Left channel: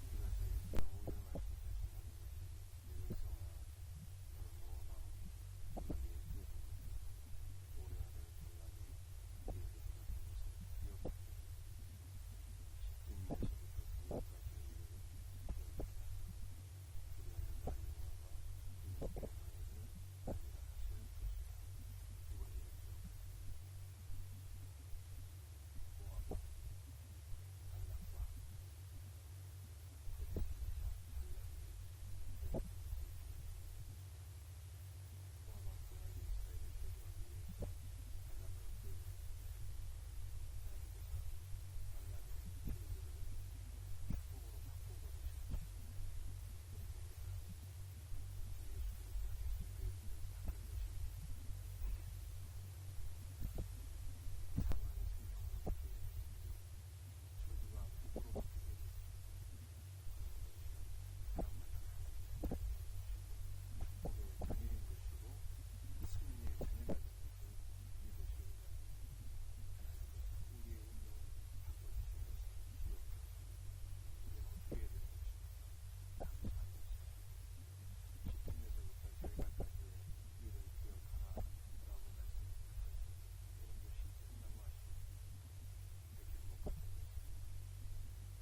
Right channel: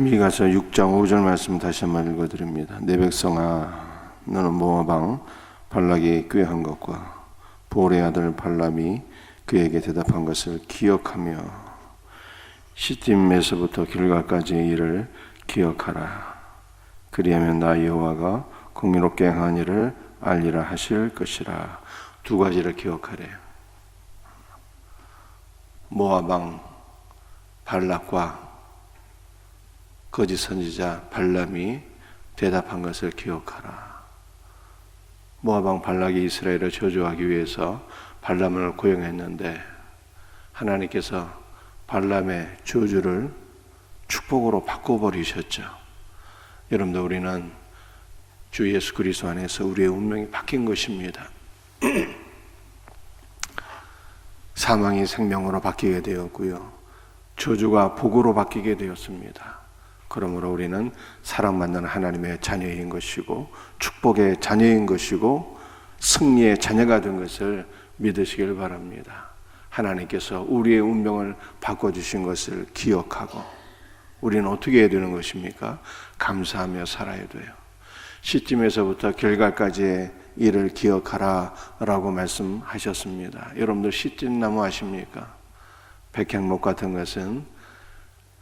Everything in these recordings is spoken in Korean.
미가서 6장 5절 말씀 다시 한번 읽어드립니다. 내 백성아, 너는 모압 왕 발락이 꾀한 것과 보올의 아들 발람이 그에게 대답한 것을 기억하며 시팀에서부터 길갈까지의 일을 기억하라. 그리하면 나 여호와가 공의롭게 행한 일을 알리라 하실 것이라. 두 가지를 기억하래요. 모압 왕 발락과 거짓 선지자 발람이 대답한 것을 기억하라. 모압 왕 발락이 이스라엘을 저주하기 위해서 발람을 고용했는데 하나님께서 발람의 저주를 축복으로 바꿔버리셨죠. 여러분들, 우리는 주 예수 그리스도 안에서 우리의 운명이 바뀐 것입니다. 사망이 생명으로 바뀌게 되었고요, 저주가 복으로 바뀌게 되었습니다. 그러므로 우리는 사랑받는 하나님의 자녀인 것이고 축복의 자녀인 것이고 승리의 자녀가 된 것을 믿으시길 바랍니다. 하나님께서 우리의 운명을 바꿔주신 것을 기억하고 우리는 어떻게 해야 되는 것입니까? 감사하며 살아야 돼요. 시팀에서부터 길갈까지의 일을 기억하라 라고 말씀하셨습니다. 여러분들 시tim나무 아십니까? 백향목 같은 것은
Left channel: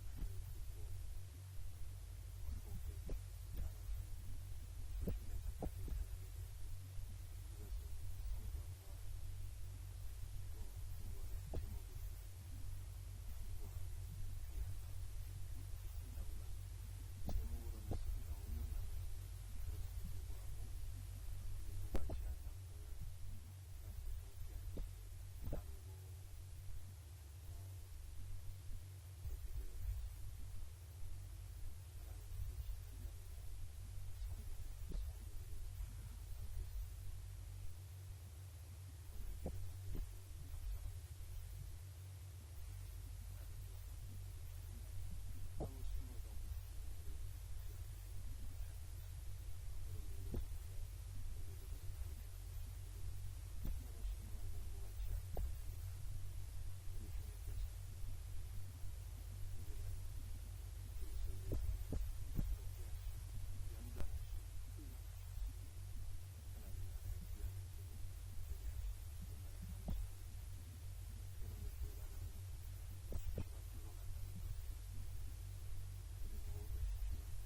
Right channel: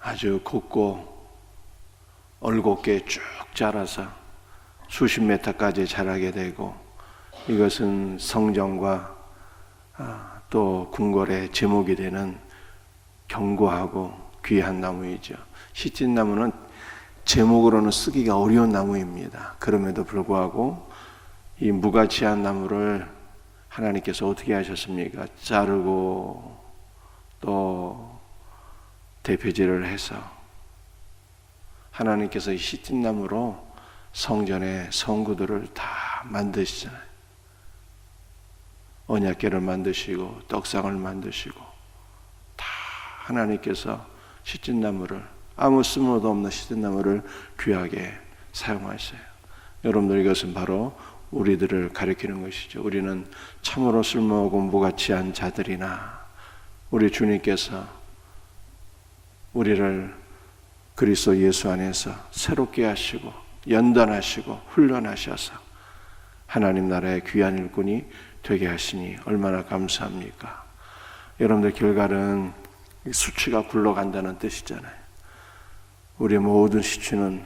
아주 곱고 얼곱게 쭉 자라서 수십 미터까지 자라게 되고, 이것은 성전과 또 궁궐의 제목이 되는 견고하고 귀한 나무이죠. 시tim나무는 제목으로는 쓰기가 어려운 나무입니다. 그럼에도 불구하고 이 무가치한 나무를 하나님께서 어떻게 하셨습니까? 자르고 또 대표질을 해서 하나님께서 이 시tim나무로 성전의 성구들을 다 만드시잖아요. 언약궤를 만드시고 떡상을 만드시고 다 하나님께서 시tim나무를, 아무 쓸모도 없는 시tim나무를 귀하게 사용하셔요. 여러분들, 이것은 바로 우리들을 가리키는 것이죠. 우리는 참으로 쓸모없고 무가치한 자들이나 우리 주님께서 우리를 그리스도 예수 안에서 새롭게 하시고 연단하시고 훈련하셔서 하나님 나라의 귀한 일꾼이 되게 하시니 얼마나 감사합니까? 여러분들, 길갈은 수치가 굴러간다는 뜻이잖아요. 우리 모든 시치는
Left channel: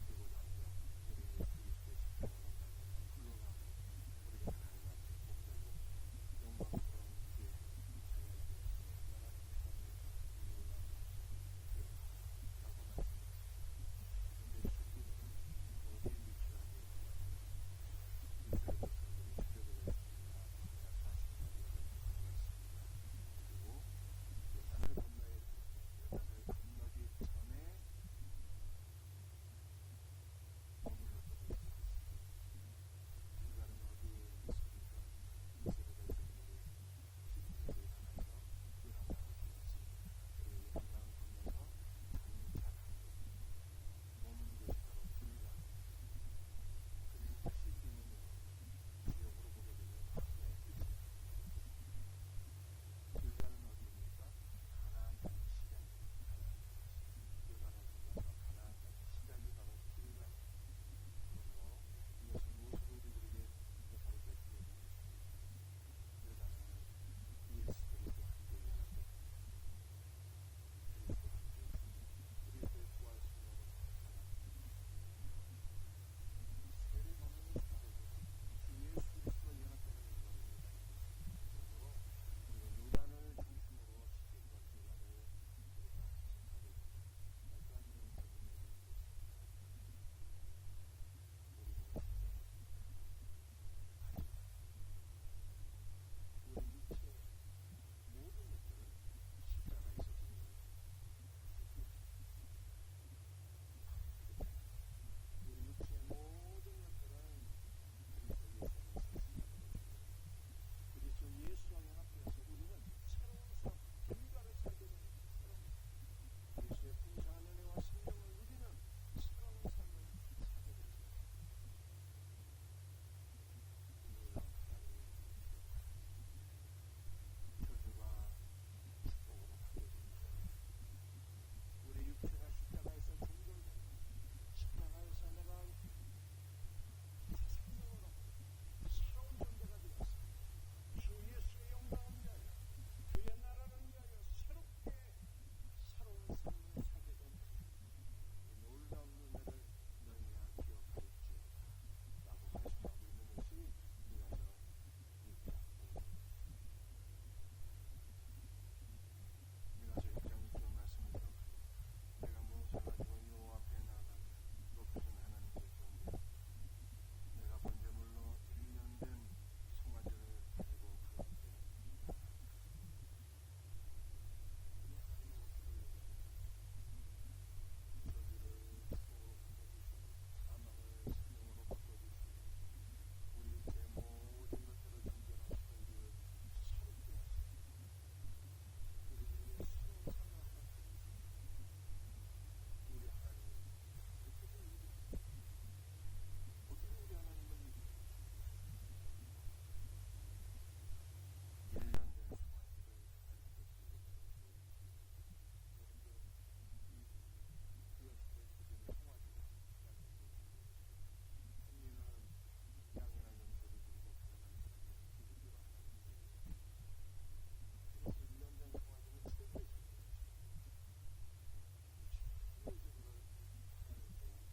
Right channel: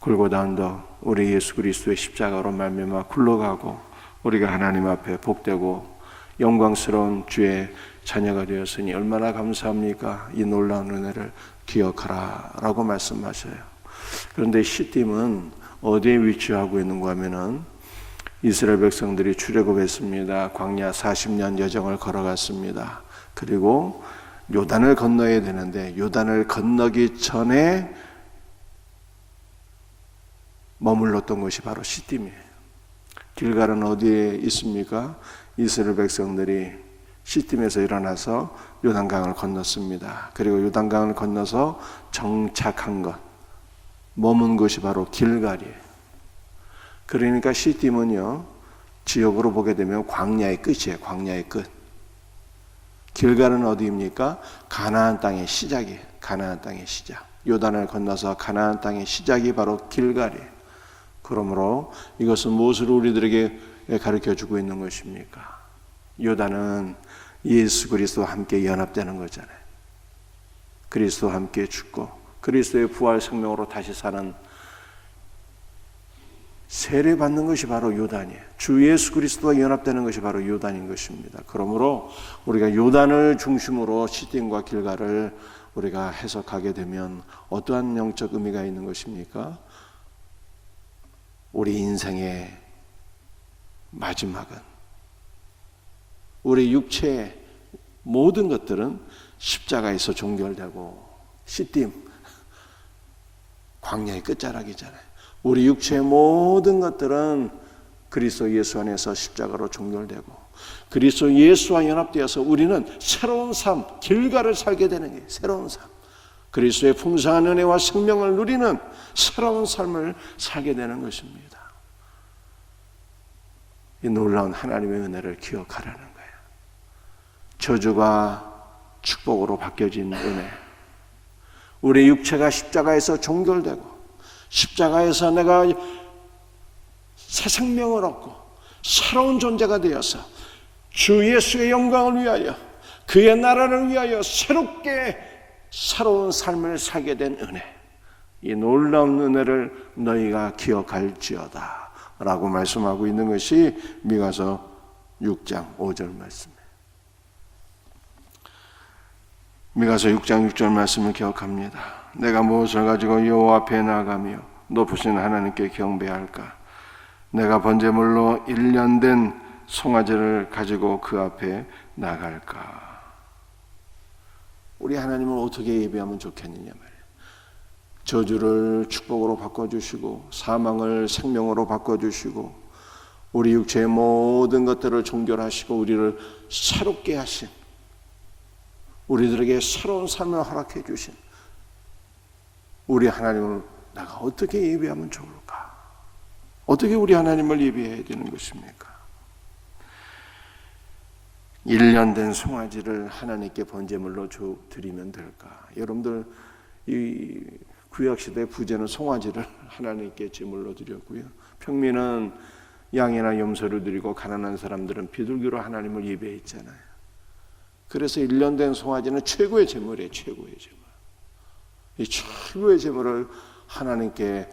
골고다운도 우리 예수 그리스도의 십자가로 말미암아 굴러가고 우리가 하나님 앞에 복되고 영광스러운 주의 자녀가 되었으니 얼마나 감사합니까? 이 놀라운 은혜를 기억하라 라고 말씀하셔요. 그런데 시팀은 어디에 위치하고 있는가 하면은 이스라엘 백성들이 출애굽했습니다. 광야 40년 여정을 걸어갔습니다. 그리고 요단을 건너야 되는데 요단을 건너기 전에 머물렀던 것이 바로 시팀이에요. 길갈은 어디에 있습니까? 이스라엘 백성들이 시팀에서 일어나서 요단강을 건넜습니다. 그리고 요단강을 건너서 정착한 것, 머문 것이 바로 길갈이에요. 그러니까 시팀은요, 지역으로 보게 되면 광야의 끝이에요. 광야의 끝. 길갈은 어디입니까? 가나안 땅의 시작이에요. 가나안 땅의 시작. 요단을 건너서 가나안 땅의 시작이 바로 길갈이에요. 그러므로 이것은 무엇을 우리들에게 가르쳐주고 있는 것입니까? 요단은 예수 그리스도와 함께 연합되는 거잖아요. 그리스도와 함께 죽고 그리스도의 부활 생명으로 다시 사는, 세례받는 것이 바로 요단이에요. 주 예수 그리스도와 연합되는 것이 바로 요단인 것입니다. 그러므로 우리가 요단을 중심으로 시팀과 길갈을 우리가 해석하게 되면 어떠한 영적 의미가 있는 것입니까? 우리 인생의 마지막은, 우리 육체의 모든 것들은 십자가에서 종결되고, 시팀 광야의 끝자락이잖아요. 우리 육체의 모든 것들은 그리스도 예수 안에서 십자가로 종결되고 그리스도 예수와 연합되어서 우리는 새로운 삶, 길갈을 살게 되는 게 새로운 삶, 그리스도의 풍성한 은혜와 생명을 누리는 새로운 삶을 살게 되는 것입니다. 이 놀라운 하나님의 은혜를 기억하라는 거예요. 저주가 축복으로 바뀌어진 은혜, 우리 육체가 십자가에서 종결되고 십자가에서 내가 새 생명을 얻고 새로운 존재가 되어서 주 예수의 영광을 위하여 그의 나라를 위하여 새롭게 새로운 삶을 살게 된 은혜, 이 놀라운 은혜를 너희가 기억할지어다 라고 말씀하고 있는 것이 미가서 6장 5절 말씀이에요. 미가서 6장 6절 말씀을 기억합니다. 내가 무엇을 가지고 여호와 앞에 나가며 높으신 하나님께 경배할까? 내가 번제물로 1년 된 송아지를 가지고 그 앞에 나갈까? 우리 하나님을 어떻게 예배하면 좋겠느냐 말이에요. 저주를 축복으로 바꿔주시고 사망을 생명으로 바꿔주시고 우리 육체의 모든 것들을 종결하시고 우리를 새롭게 하신, 우리들에게 새로운 삶을 허락해 주신 우리 하나님을 내가 어떻게 예배하면 좋을까? 어떻게 우리 하나님을 예배해야 되는 것입니까? 1년 된 송아지를 하나님께 번제물로 드리면 될까? 여러분들 이 구약시대 부제는 송아지를 하나님께 제물로 드렸고요, 평민은 양이나 염소를 드리고 가난한 사람들은 비둘기로 하나님을 예배했잖아요. 그래서 1년 된 송아지는 최고의 제물이에요. 최고의 제물. 이 최고의 제물을 하나님께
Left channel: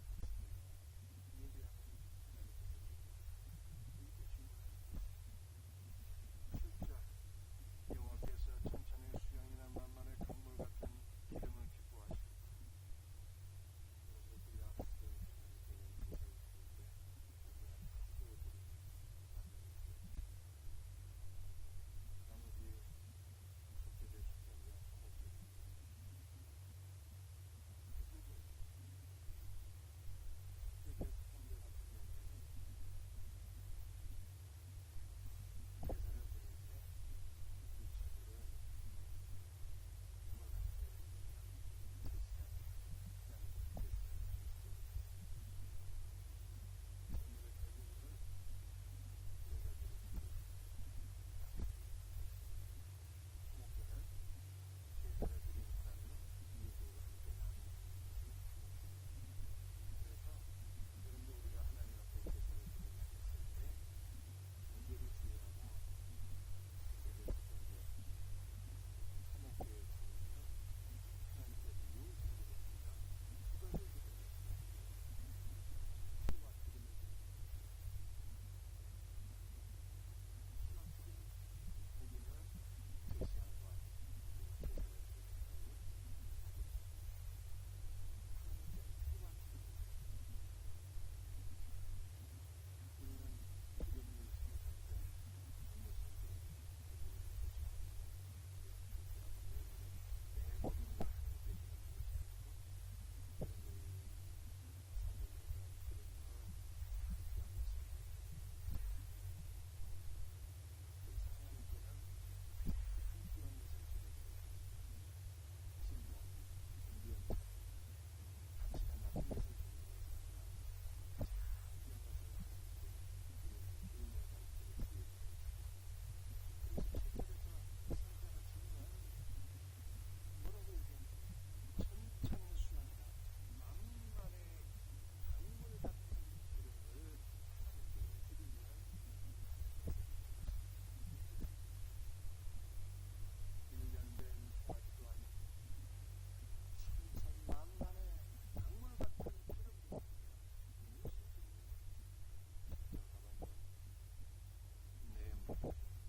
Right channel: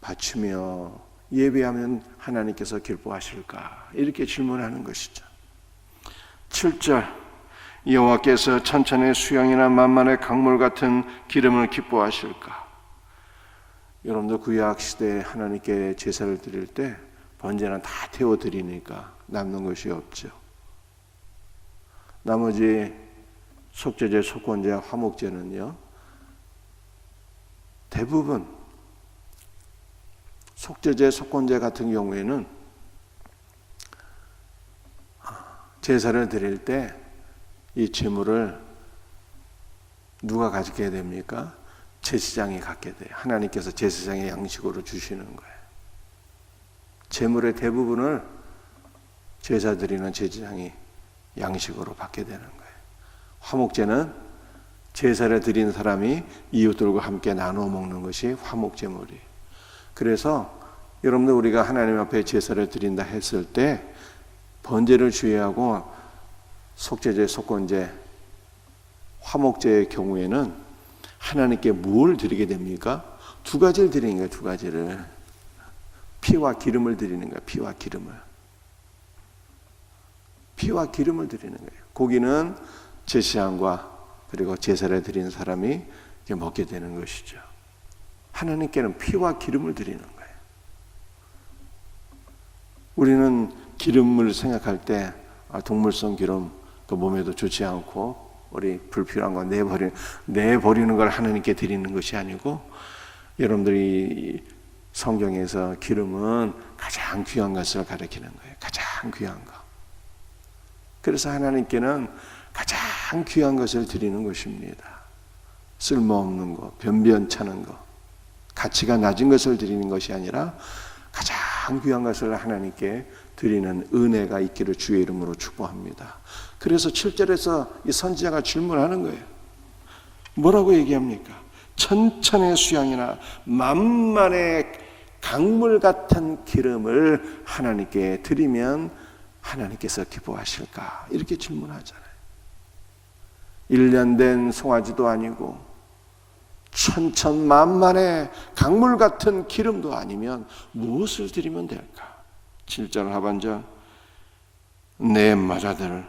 바치며 예배하면 하나님께서 기뻐하실까? 이렇게 질문하는 것이죠. 7절, 여호와께서 천천의 수양이나 만만의 강물 같은 기름을 기뻐하실까? 여러분들 구약 시대에 하나님께 제사를 드릴 때 번제는 다 태워 드리니까 남는 것이 없죠. 나머지 속죄제, 속건제, 화목제는요, 대부분 속죄제, 속건제 같은 경우에는 제사를 드릴 때 이 제물을 누가 가지게 됩니까? 제사장이 갖게 돼요. 하나님께서 제사장의 양식으로 주시는 거예요. 제물의 대부분을 제사 드리는 제사장이 양식으로 받게 되는 거예요. 화목제는 제사를 드린 사람이 이웃들과 함께 나누어 먹는 것이 화목제물이에요. 그래서 여러분들 우리가 하나님 앞에 제사를 드린다 했을 때 번제를 주의하고 속죄제, 속건제, 화목제의 경우에는 하나님께 뭘 드리게 됩니까? 두 가지를 드리는 거예요. 두 가지를. 피와 기름을 드리는 거예요. 피와 기름을. 피와 기름을 드리는 거예요. 고기는 제사장과 그리고 제사를 드리는 사람이 먹게 되는 것이죠. 하나님께는 피와 기름을 드리는 거예요. 우리는 기름을 생각할 때 동물성 기름 그 몸에도 좋지 않고 우리 불필요한 거 내버리는 걸 하나님께 드리는 것이 아니고, 여러분들이 성경에서 기름은 가장 귀한 것을 가리키는 거예요. 가장 귀한 거. 그래서 하나님께는 가장 귀한 것을 드리는 것입니다. 쓸모없는 거, 변변찮은 거, 가치가 낮은 것을 드리는 것이 아니라 가장 귀한 것을 하나님께 드리는 은혜가 있기를 주의 이름으로 축복합니다. 그래서 7절에서 이 선지자가 질문하는 거예요. 뭐라고 얘기합니까? 천천의 수양이나 만만의 강물 같은 기름을 하나님께 드리면 하나님께서 기뻐하실까? 이렇게 질문하잖아요. 1년 된 송아지도 아니고 천천만만의 강물 같은 기름도 아니면 무엇을 드리면 될까? 7절 하반절, 내 마자들.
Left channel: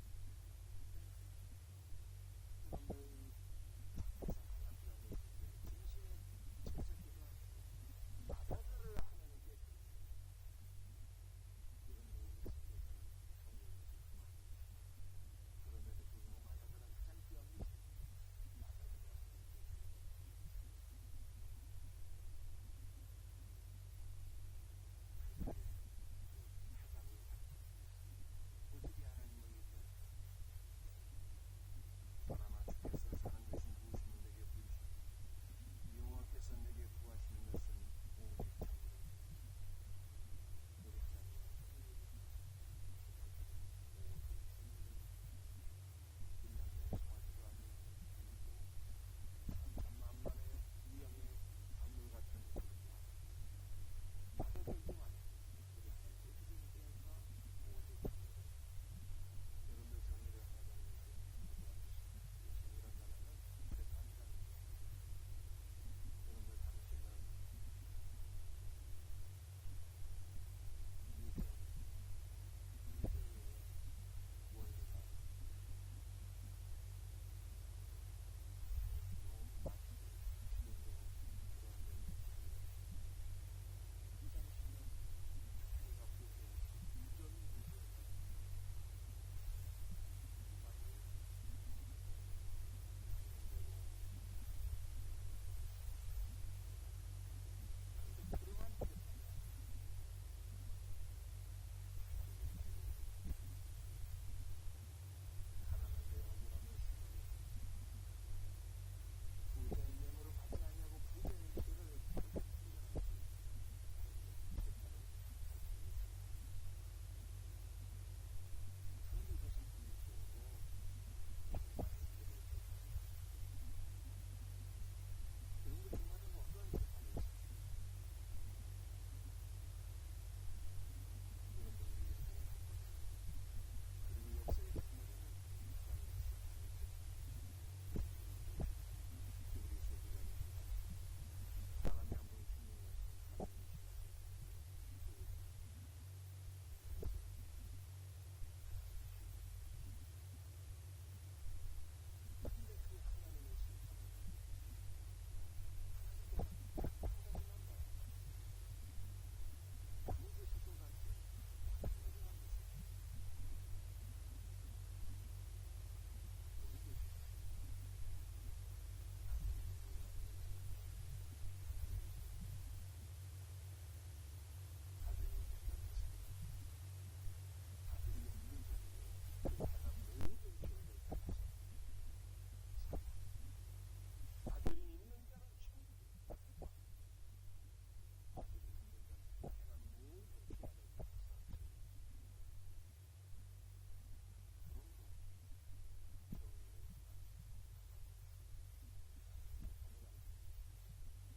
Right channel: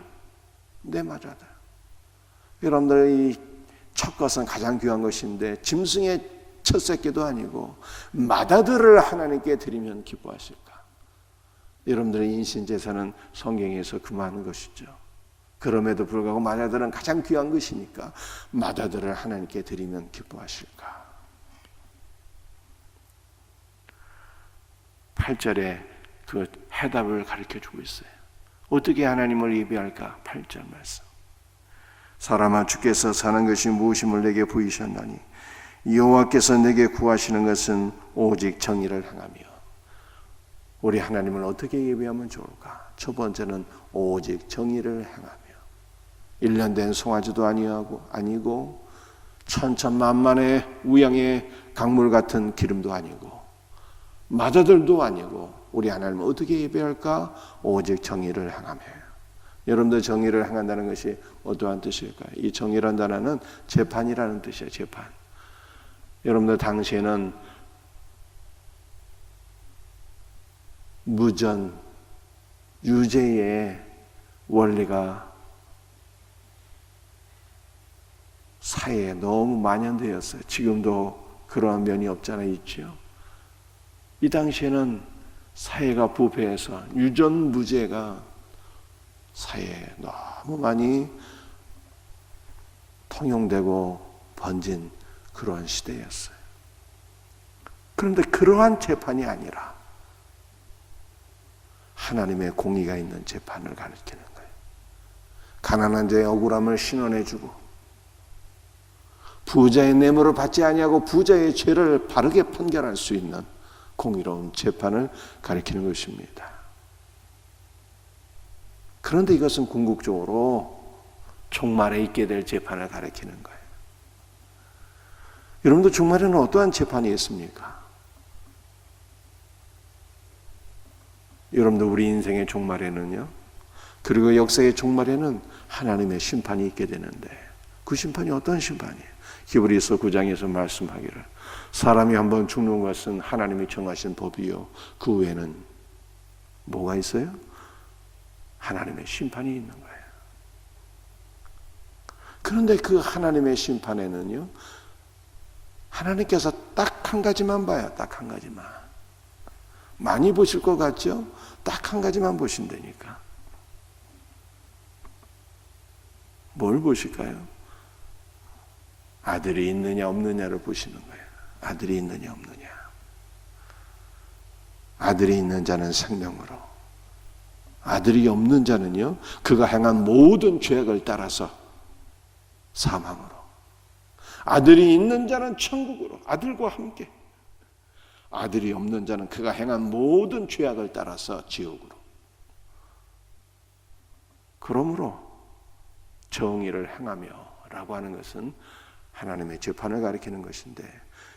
여러분들 이 첫 것은 가장 귀한 것인데 짐승의 첫 새끼도 아니고 마다들을 하나님께 드리면 기뻐하실까? 여러분들의 인신제사는 성경에서 금하는 것이죠. 그럼에도 불구하고 마다들은 가장 귀한 것이니까 마다들을 하나님께 드리면 기뻐하실까? 8절에 그 해답을 가르쳐주고 있어요. 어떻게 하나님을 예배할까? 8절 말씀. 사람아, 주께서 사는 것이 무엇임을 내게 보이셨나니 여호와께서 내게 구하시는 것은 오직 정의를 행하며. 우리 하나님을 어떻게 예배하면 좋을까? 첫 번째는 오직 정의를 행하며. 1년 된 송아지도 아니고 천천만만의 우양의 강물 같은 기름도 아니고 마자들도 아니고 우리 하나님은 어떻게 예배할까? 오직 정의를 행하며. 여러분들 정의를 행한다는 것이 어떠한 뜻일까요? 이 정의라는 단어는 재판이라는 뜻이에요. 재판. 여러분들 당시에는 무전, 유죄의 원리가 사회에 너무 만연되었어요. 지금도 그러한 면이 없잖아 있죠. 이 당시에는 사회가 부패해서 유전무죄가 사회에 너무 많이 통용되고 번진 그러한 시대였어요. 그런데 그러한 재판이 아니라 하나님의 공의가 있는 재판을 가르치는 거예요. 가난한 자의 억울함을 신원해주고 부자의 뇌물을 받지 아니하고 부자의 죄를 바르게 판결할 수 있는 공의로운 재판을 가리키는 것입니다. 그런데 이것은 궁극적으로 종말에 있게 될 재판을 가리키는 거예요. 여러분도 종말에는 어떠한 재판이 있습니까? 여러분도 우리 인생의 종말에는요, 그리고 역사의 종말에는 하나님의 심판이 있게 되는데 그 심판이 어떤 심판이에요? 히브리서 9장에서 말씀하기를 사람이 한번 죽는 것은 하나님이 정하신 법이요 그 외에는 뭐가 있어요? 하나님의 심판이 있는 거예요. 그런데 그 하나님의 심판에는요, 하나님께서 딱 한 가지만 봐요. 딱 한 가지만. 많이 보실 것 같죠? 딱 한 가지만 보신다니까. 뭘 보실까요? 아들이 있느냐 없느냐를 보시는 거예요. 아들이 있느냐 없느냐. 아들이 있는 자는 생명으로, 아들이 없는 자는요, 그가 행한 모든 죄악을 따라서 사망으로. 아들이 있는 자는 천국으로, 아들과 함께. 아들이 없는 자는 그가 행한 모든 죄악을 따라서 지옥으로. 그러므로 정의를 행하며 라고 하는 것은 하나님의 재판을 가리키는 것인데,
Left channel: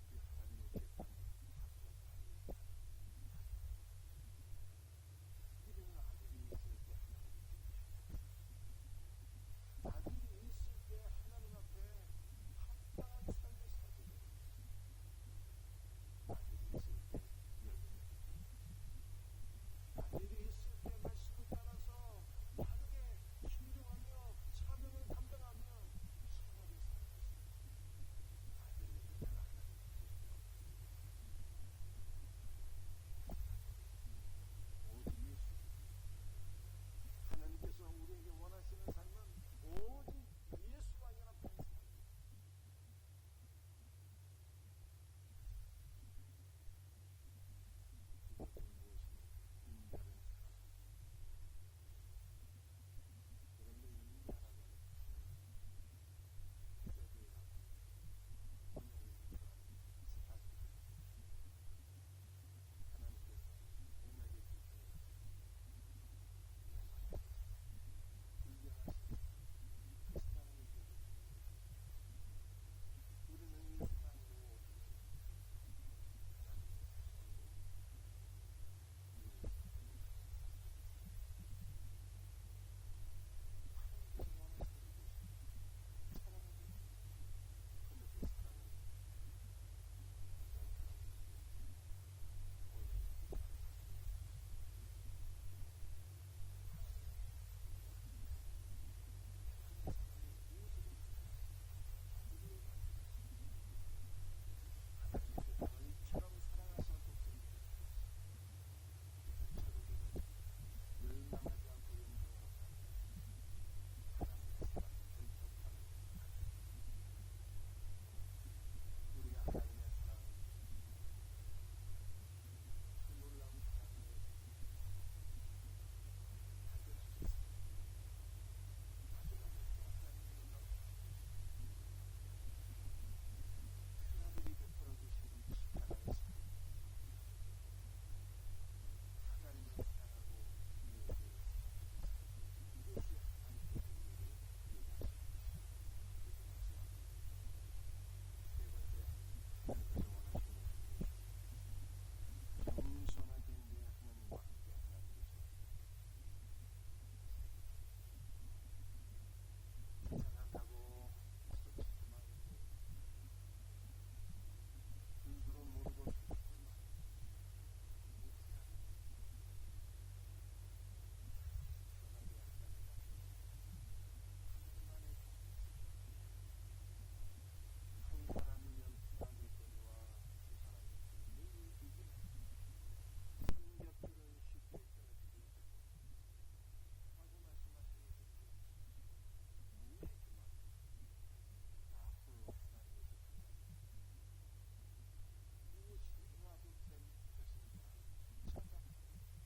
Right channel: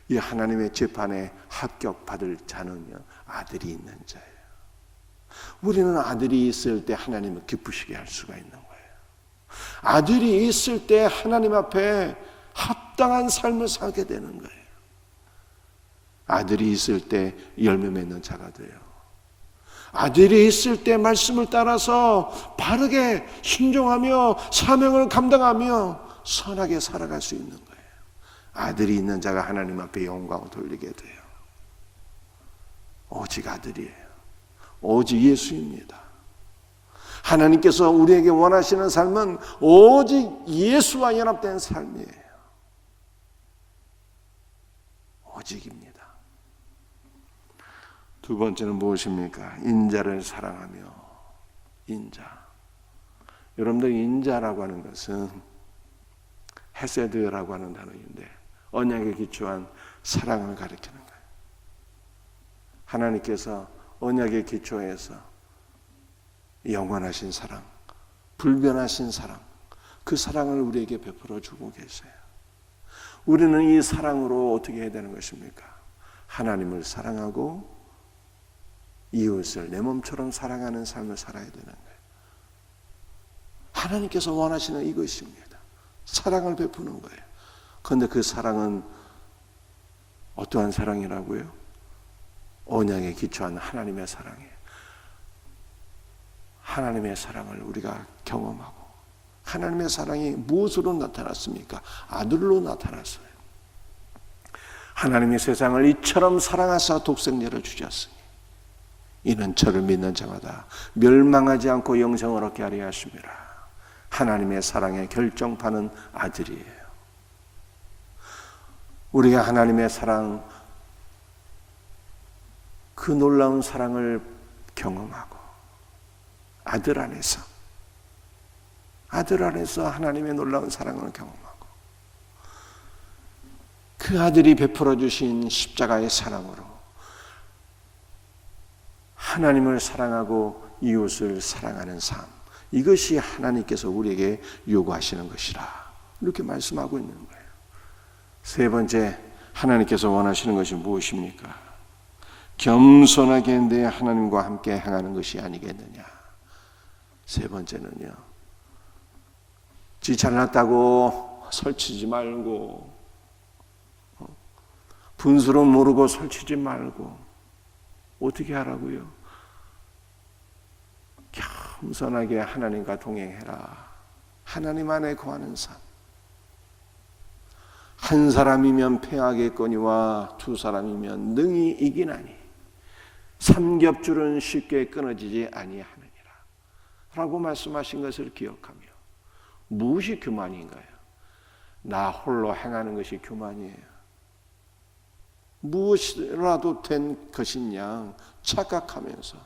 이 하나님의 재판에 합격받을 자는요, 아들이 있는 자예요. 우리는 아들이 있을 때 하나님을 기쁘시게 할 수가 있는 거예요. 아들이 있을 때 하나님 앞에 합당한 삶을 살게 되는 거예요. 아들이 있을 때 열매 맺는 자가 돼요. 아들이 있을 때 말씀을 따라서 바르게 순종하며 사명을 감당하며 선하게 살아갈 수 있는 거예요. 아들이 있는 자가 하나님 앞에 영광을 돌리게 돼요. 오직 아들이에요. 오직 예수입니다. 하나님께서 우리에게 원하시는 삶은 오직 예수와 연합된 삶이에요. 오직입니다. 두 번째는 무엇입니까? 인자를 사랑하며. 인자. 여러분들 인자라고 하는 것은 헤세드라고 하는 단어인데 언약에 기초한 사랑을 가리키는 거예요. 하나님께서 언약에 기초해서 영원하신 사랑, 불변하신 사랑, 그 사랑을 우리에게 베풀어 주고 계세요. 우리는 이 사랑으로 어떻게 해야 되는 것입니까? 하나님을 사랑하고 이웃을 내 몸처럼 사랑하는 삶을 살아야 되는 거예요. 하나님께서 원하시는 이것입니다. 사랑을 베푸는 거예요. 그런데 그 사랑은 어떠한 사랑이라고요? 언약에 기초한 하나님의 사랑이에요. 하나님의 사랑을 우리가 경험하고, 하나님의 사랑이 무엇으로 나타났습니까? 아들로 나타났어요. 하나님이 세상을 이처럼 사랑하사 독생자를 주셨으니 이는 저를 믿는 자마다 멸망하지 않고 영생을 얻게 하려 하심이라. 하나님의 사랑의 결정판은 아들이에요. 우리가 하나님의 사랑, 그 놀라운 사랑을 경험하고 아들 안에서 하나님의 놀라운 사랑을 경험하고 그 아들이 베풀어 주신 십자가의 사랑으로 하나님을 사랑하고 이웃을 사랑하는 삶, 이것이 하나님께서 우리에게 요구하시는 것이라 이렇게 말씀하고 있는 거예요. 세 번째, 하나님께서 원하시는 것이 무엇입니까? 겸손하게 내 하나님과 함께 행하는 것이 아니겠느냐. 세 번째는요, 지 잘났다고 설치지 말고, 분수로 모르고 설치지 말고, 어떻게 하라고요? 겸손하게 하나님과 동행해라. 하나님 안에 거하는 삶. 한 사람이면 패하겠거니와 두 사람이면 능히 이기나니 삼겹줄은 쉽게 끊어지지 아니하느니라 라고 말씀하신 것을 기억하며, 무엇이 교만인가요? 나 홀로 행하는 것이 교만이에요. 무엇이라도 된 것이냐 착각하면서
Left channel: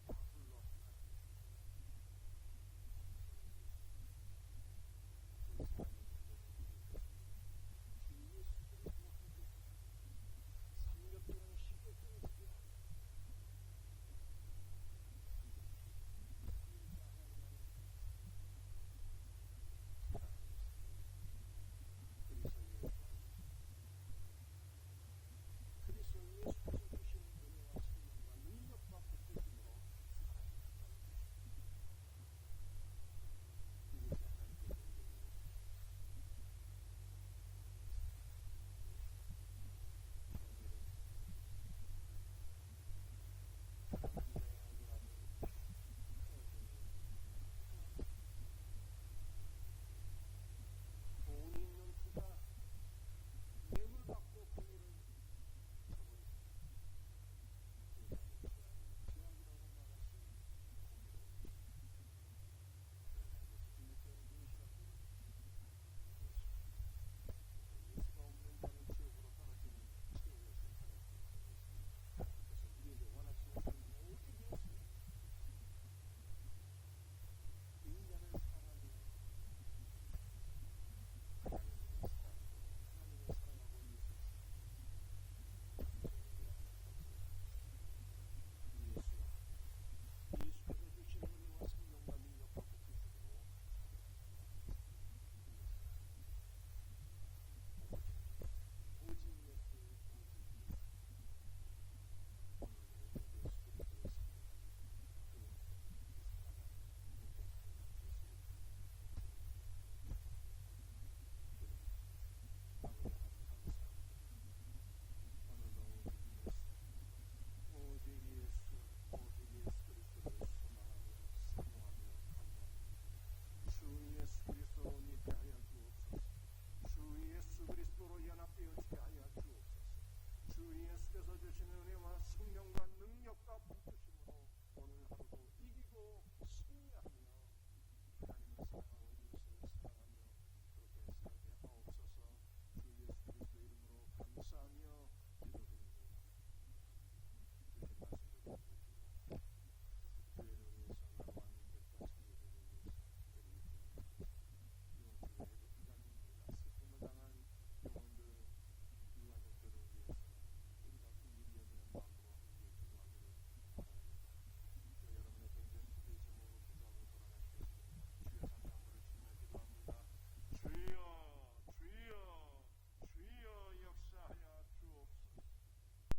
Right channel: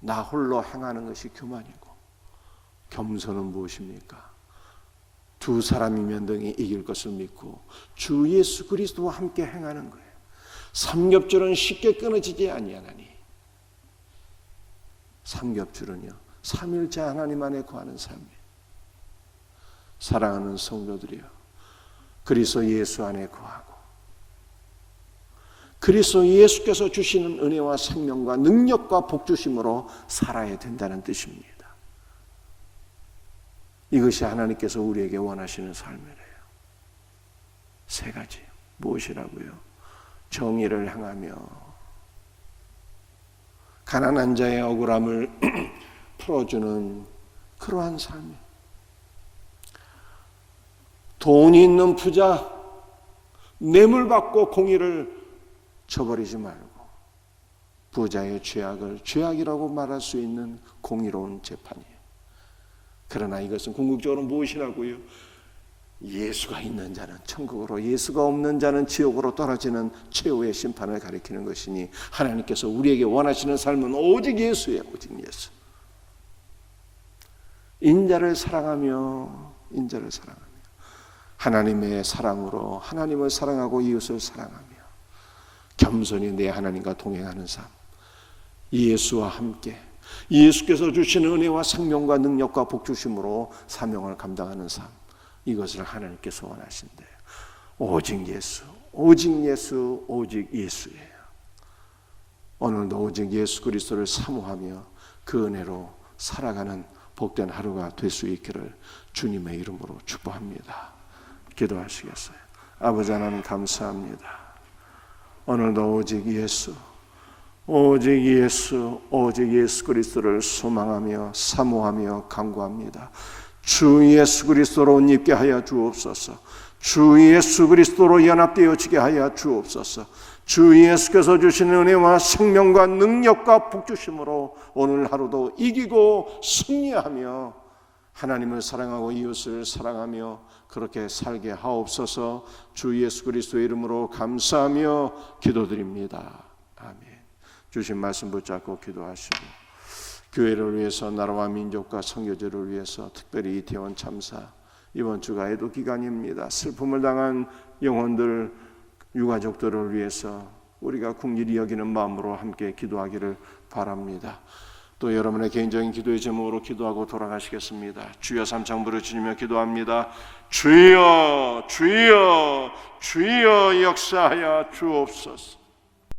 나 홀로 행하는 것이 교만이고, 겸손은 무엇입니까? 두 사람이면 등이 이길 것을 믿고 주 예수 그리스도와 함께 행하는 거예요. 삼겹줄은 쉽게 끊어지지 아니하나니. 삼겹줄은요, 삼일째 하나님 안에 거하는 삶이에요. 사랑하는 성도들이요, 그리스도 예수 안에 거하고 그리스도 예수께서 주시는 은혜와 생명과 능력과 복주심으로 살아야 된다는 뜻입니다. 이것이 하나님께서 우리에게 원하시는 삶이래요. 세 가지. 무엇이라고요? 정의를 행하며 가난한 자의 억울함을 풀어주는 그러한 삶이에요. 돈이 있는 부자, 뇌물 받고 공의를 저버리지 말고 부자의 죄악을 죄악이라고 말할 수 있는 공의로운 재판이에요. 그러나 이것은 궁극적으로 무엇이라고요? 예수가 있는 자는 천국으로, 예수가 없는 자는 지옥으로 떨어지는 최후의 심판을 가리키는 것이니, 하나님께서 우리에게 원하시는 삶은 오직 예수예요. 오직 예수. 인자를 사랑하며 하나님의 사랑으로 하나님을 사랑하고 이웃을 사랑하며 겸손히 내 하나님과 동행하는 삶, 예수와 함께 예수께서 주시는 은혜와 생명과 능력과 복주심으로 사명을 감당하는 삶, 이것을 하나님께서 원하신대요. 오직 예수, 오직 예수, 오직 예수예요. 오늘도 오직 예수 그리스도를 사모하며 그 은혜로 살아가는 복된 하루가 될 수 있기를 주님의 이름으로 축복합니다. 기도하시겠어요? 아버지 하나님 감사합니다. 오늘도 오직 예수, 오직 예수, 오직 예수 그리스도를 소망하며 사모하며 간구합니다. 주 예수 그리스도로 옷 입게 하여 주옵소서. 주 예수 그리스도로 연합되어지게 하여 주옵소서. 주 예수께서 주시는 은혜와 생명과 능력과 복주심으로 오늘 하루도 이기고 승리하며 하나님을 사랑하고 이웃을 사랑하며 그렇게 살게 하옵소서. 주 예수 그리스도의 이름으로 감사하며 기도드립니다. 아멘. 주신 말씀 붙잡고 기도하시고, 교회를 위해서, 나라와 민족과 선교제를 위해서, 특별히 이태원 참사 이번 주가 애도 기간입니다. 슬픔을 당한 영혼들, 유가족들을 위해서 우리가 긍휼히 여기는 마음으로 함께 기도하기를 바랍니다. 또 여러분의 개인적인 기도의 제목으로 기도하고 돌아가시겠습니다. 주여 삼창 부르짖으며 기도합니다. 주여, 주여, 주여 역사하여 주옵소서.